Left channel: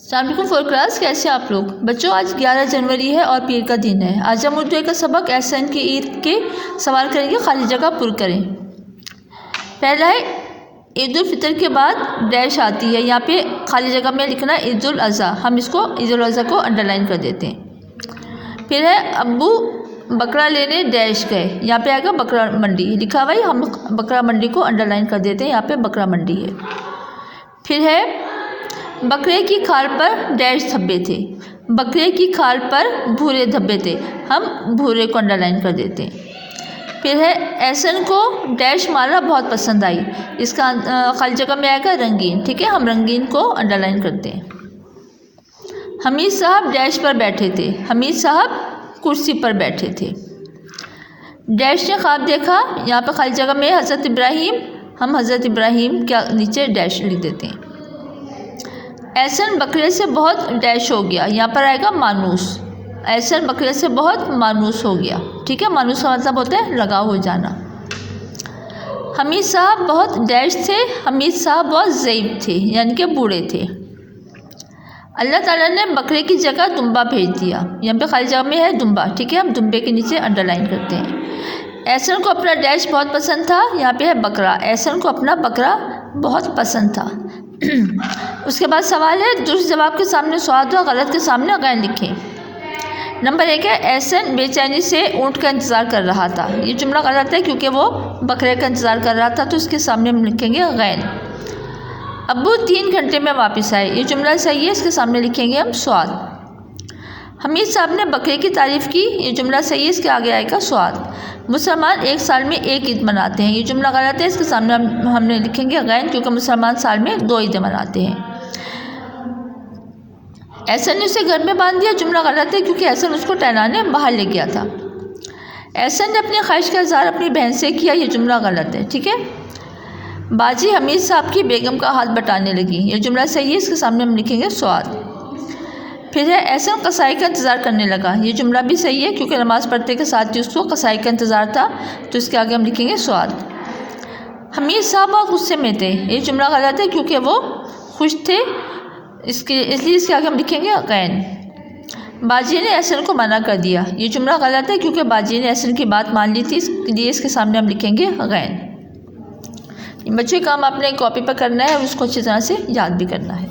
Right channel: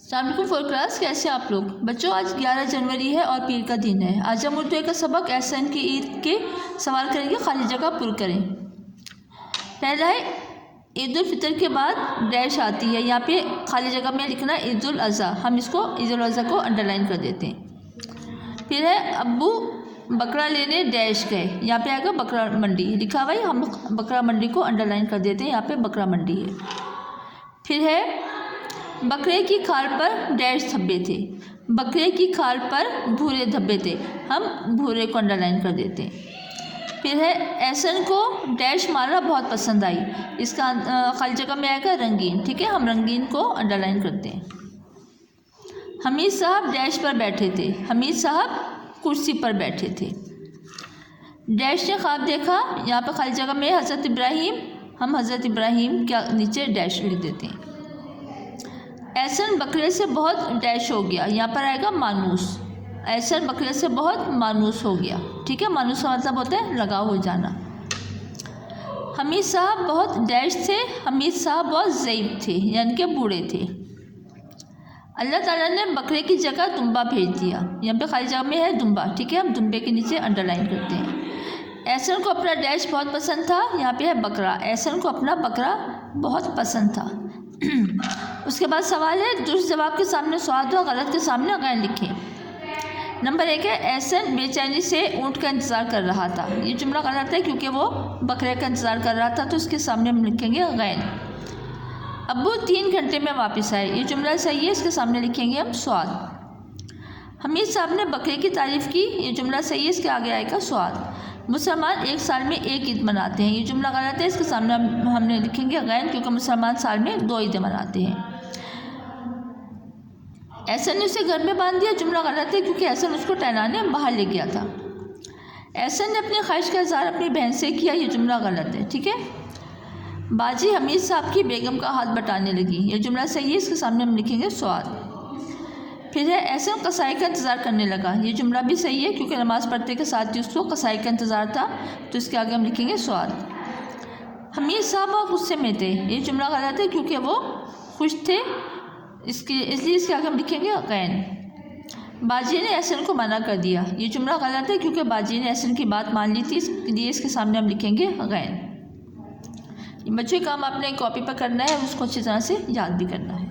अस्सलामुअलैकुम for class, कैसे आप लोग बच्चों। आज 11 जनवरी है और पीर का दिन है। आज हम उर्दू का सबक एहसन की ईद के सवाल करेंगे, खाली जगह पुर करें। पहला है ईद उल फितर के बाद डैश आती है, यहाँ पे खाली जगह में लिखना है ईद उल अज़हा। हम इसको ईद उल अज़हा को अंडरलाइन कर देते हैं। फिर है अब्बू बकरा लेने डैश गए, यहाँ पे आएगा बकरा मंडी लिखा हुआ है, हम बकरा मंडी को अंडरलाइन कर देते हैं, यहाँ पे बकरा मंडी है। फिर है बकरे की खाल पर डैश धब्बे थे, बकरे की खाल पर भूरे धब्बे थे, हम भूरे को अंडरलाइन कर देते हैं। फिर है एहसन को डैश माला बहुत पसंद आई, इसका खाली जगह में आएगा रंगीन, ठीक है, हम रंगीन को अंडरलाइन करते हैं। हमीद साहब डैश पर बैठे थे, हमीद साहब कुर्सी पर बैठे थे। डैश ने ख्वाब देखा, यहाँ पर खाली जगह में हज़रत इब्राहीम, हम हज़रत इब्राहीम के नीचे डैश लिख देते हैं। एहसन बकरे से बहुत डैश हो गया, यहाँ पर आएगा मानूस। एहसन बकरे से बहुत मानूस हो गया, ठीक है, मानूस का मतलब होता है लगाव हो जाना। हमीद साहब बहुत डैश थे, हमीद साहब बहुत ज़ईफ़ थे, यानी कि बूढ़े थे। अल्लाह ताला ने बकरे की जगह दुम्बा भेज दिया, यहाँ पे खाली जगह में है दुम्बा, ठीक है, हम दुम्बे के नीचे अंडरलाइन करते हैं। एहसन को अपना डैश बहुत पसंद था, यहाँ पे है बकरा, एहसन को अपना बकरा बहुत पसंद था। उसके बाद सवाल है दुरुस्त जवाब के सामने स्वाद और गलत के सामने गैन लिखें। नंबर 1 है एहसन बेचैनी से ऊँट का इंतज़ार कर रहा था, ये जुमला गलत है क्योंकि वो बकरे का इंतज़ार कर रहा था, तो इसके सामने हम लिखेंगे गैन। अब्बू 3 घंटे में वापस आए, ये जुमला सही है, इसके सामने लिखेंगे हम स्वाद। हमीद साहब ने बकरे की तारीफ़ की, ये जुमला सही है, इसके आगे आएगा स्वाद। मुसलमान 1 साल में 1 ईद मनाते हैं, ये जुमला गलत है, इसके सामने हमने लिखेंगे गैन, क्योंकि मुसलमान साल में 2 ईदें मनाते हैं। एहसन ने उसे घर में बांध दिया, जुमला गलत है क्योंकि एहसन उसको टहलाने बाहर ले गया था। एहसन ने अपनी ख्वाहिश का इज़हार अपनी बहन से किया, ये जुमला गलत है, ठीक है। बाजी हमीद साहब की बेगम का हाथ बटाने लगी, ये जुमला सही है, इसके सामने हम लिखेंगे स्वाद। फिर है एहसन कसाई का इंतज़ार करने लगा, ये जुमला भी सही है क्योंकि नमाज़ पढ़ते के साथ ही उसको कसाई का इंतज़ार था, तो इसके आगे हम लिखेंगे स्वाद। हमीद साहब बहुत गुस्से में थे, ये जुमला गलत है क्योंकि वो खुश थे, इसलिए इसके आगे हम लिखेंगे गैन। बाजी ने एहसन को मना कर दिया, ये जुमला गलत है क्योंकि बाजी ने एहसन की बात मान ली थी, इसलिए इसके सामने हम लिखेंगे गैन। बच्चों काम आपने कॉपी पर करना है और उसको अच्छी तरह से याद भी करना है।